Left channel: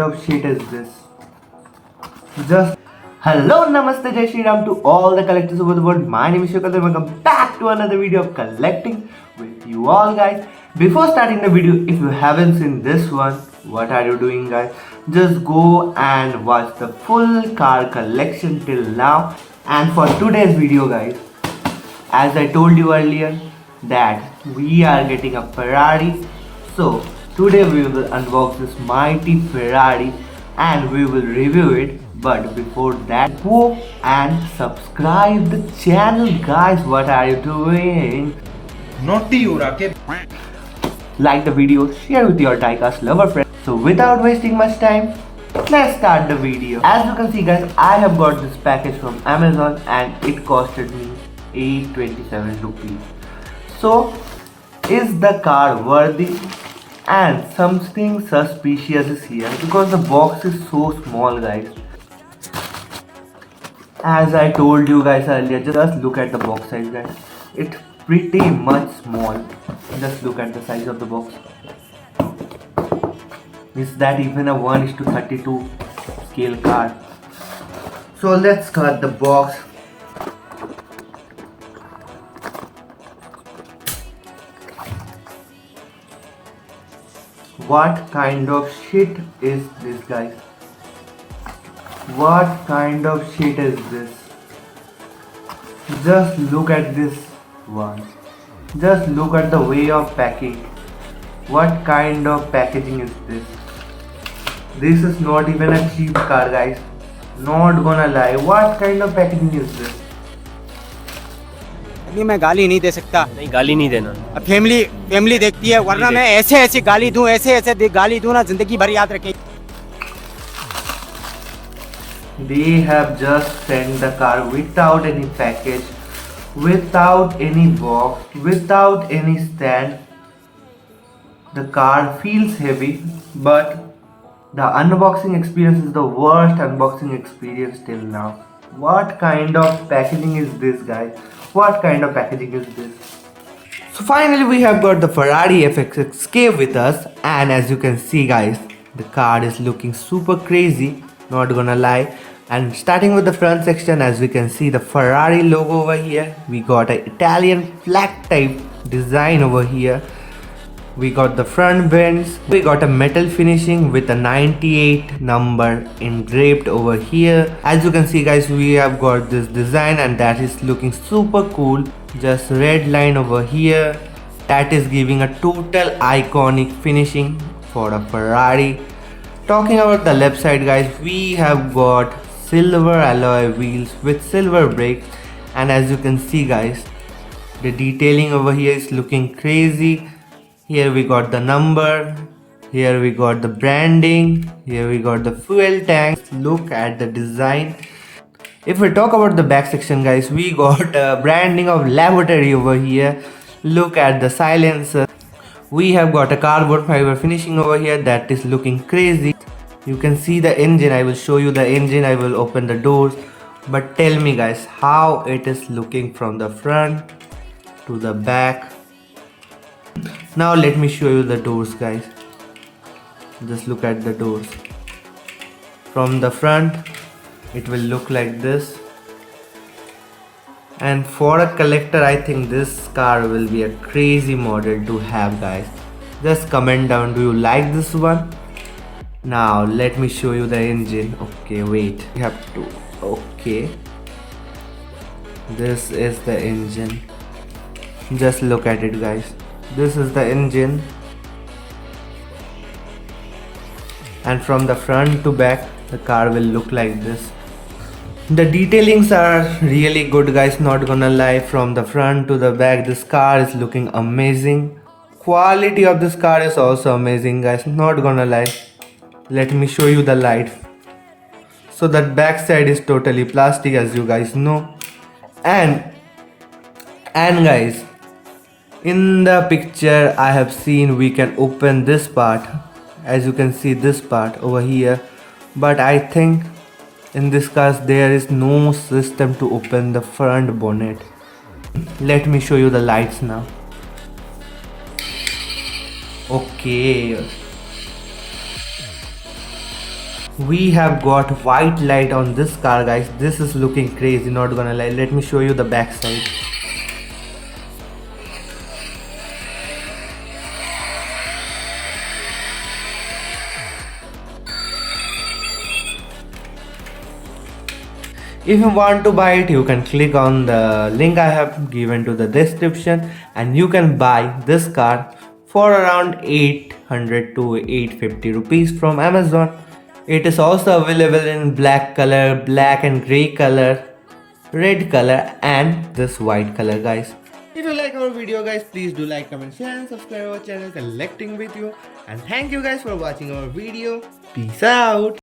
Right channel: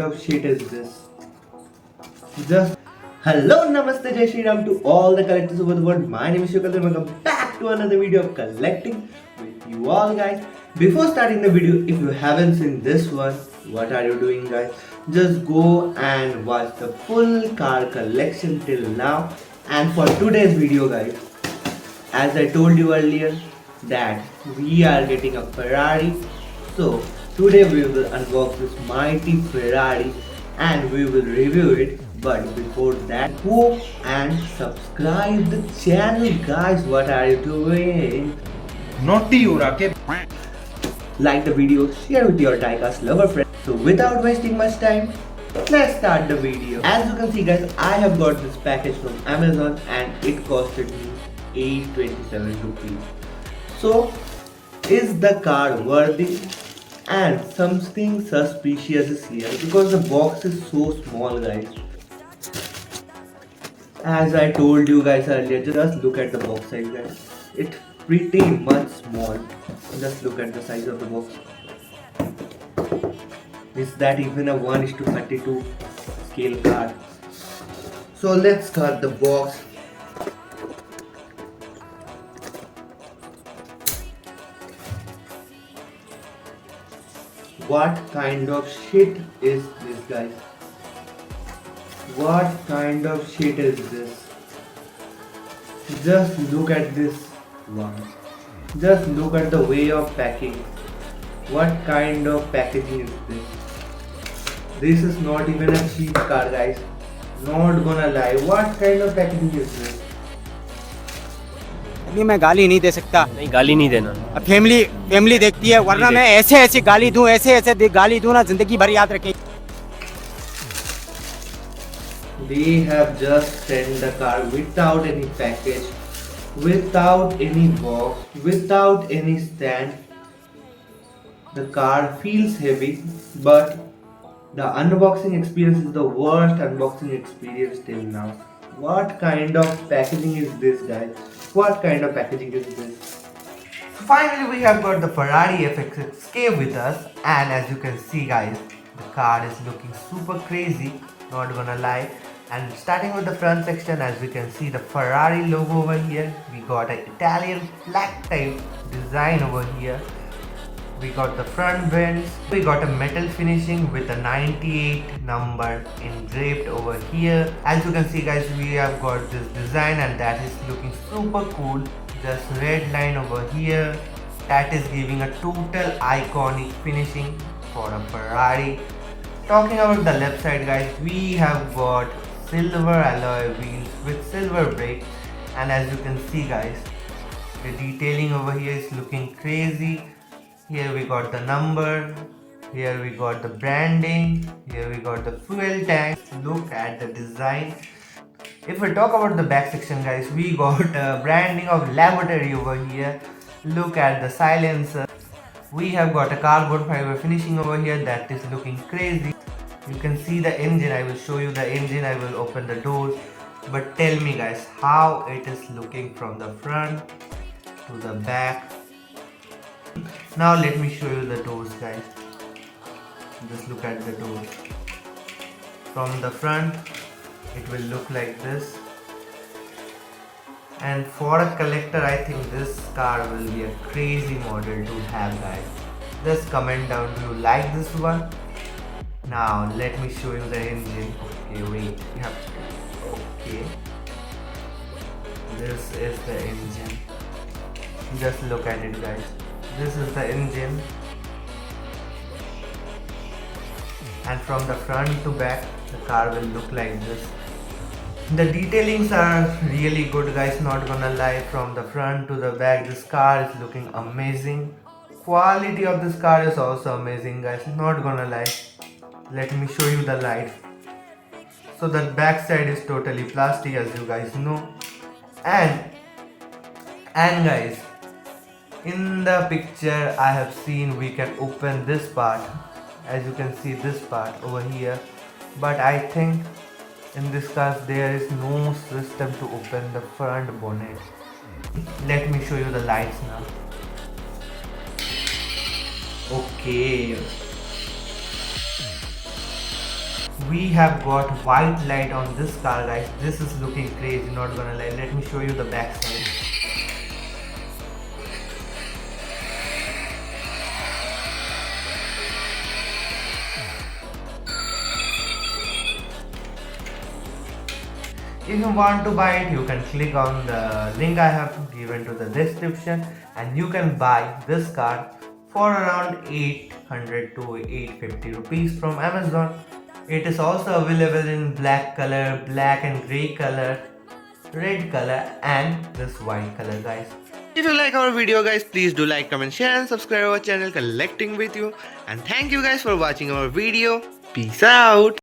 kind of shit is this? Just hello, namaste, Jai Shri Ram to all the collectors over the world. My name is Shukad and welcome back to another video of collecting with you all, guys. Before starting the video, if you haven't seen this one, what are you doing, guys? Just go and watch the full car collection till now. And for today's video, guys, as I told you earlier that we are getting a Ferrari, so today we will unbox this mighty Ferrari and we will review it. But before that, go and subscribe the channel, guys. What are you doing? Naughty you, Rakesh. Like the video, share with your diecast lover friends. So without wasting much time, let's start the video. As you can see, guys, I have got this package from Amazon and it costed me 827 rupees. So is the car worthy? And something suspicious is here because the box is so small, guys. As I told you guys earlier, just look at the box size, guys. It's pretty much small. Just look at the size of the box. Is that even a 1:32 scale car? So let's cut the box. What kind of shit is this, guys? What kind of shit is this? Just look at this one. Just look at the way of packing. What kind of packaging is this? This is not even a cheap car, guys. Not gonna lie. What kind of packaging is this? अभी मैं गाली नहीं दे सकता। नहीं, गाली नहीं देना। अब फैमिली देखती है, वरना मैं ऐसे गाली दूं, ऐसे गाली दूं ना, जिंदगी भर याद रखें। They have just sent the car without any package, without any box, without any stand. The car feels heavy, but the unboxing experience is the worst unboxing experience till now. What kind of packaging is this, guys? What kind of packaging is this? So finally we have got the Ferrari FXXK with us, and as you can see, guys, the car is looking super crazy, not gonna lie. And starting with the front section, as we can see the Ferrari logo over here, we got an Italian flag type design over here. We got the front vents, we got a metal finishing with a 98 number engraved over here. As you can see, guys, we have got this design and that is looking super cool. Just red line over here, that is giving a total iconic finishing for a Ferrari. Talking about the left side, guys, we have got silver alloy wheels with silver brakes, and as you can see, guys, the detailing over here is looking crazy. Here we got the number, here we got the branding, here we got the fuel tank. Look at the design. If we talk about the back section, guys, we got a branding of lavatory over here. Look at the silencer. We have got a carbon fiber finishing over here that is looking crazy. You can see the engine. I will show you the engine. I will open the doors. But tell me, guys, how it is looking from the front to the back. Now let me show you the doors, guys. Just look at the doors. From the front, it will look like this. And for a collector, I think this car will be a crazy model to have, guys. Just comment down, do you like this one? Now let me show you the engine. Okay, wait, we have to, okay, this is the engine. Just look at it, guys. This is the engine, and from the front to back the car will look like this. The detailings are really good, guys, not gonna lie. From the front to the back, this car is looking amazing. Quality of this car is also amazing, guys, not gonna lie. Let me show you the light. So that back side is totally plastic, as you guys know. And guys, in the picture I have seen we can open this part. As you can see, this part over here. But I think in this car there is no system to open the front bonnet. Let me show you the lights now. Okay. We have got white light on this car, guys. This is looking crazy, not gonna lie. Let me show you the back side. If you want to buy it, you can click on the link I have given to the description and you can buy this car for around 800 to 850 rupees from Amazon. It is also available in black color, black and grey color, red color and this white color, guys. If you like our video, guys, please do like, comment, share and subscribe our channel Collecting with You. And thank you guys for watching our video. Peace out.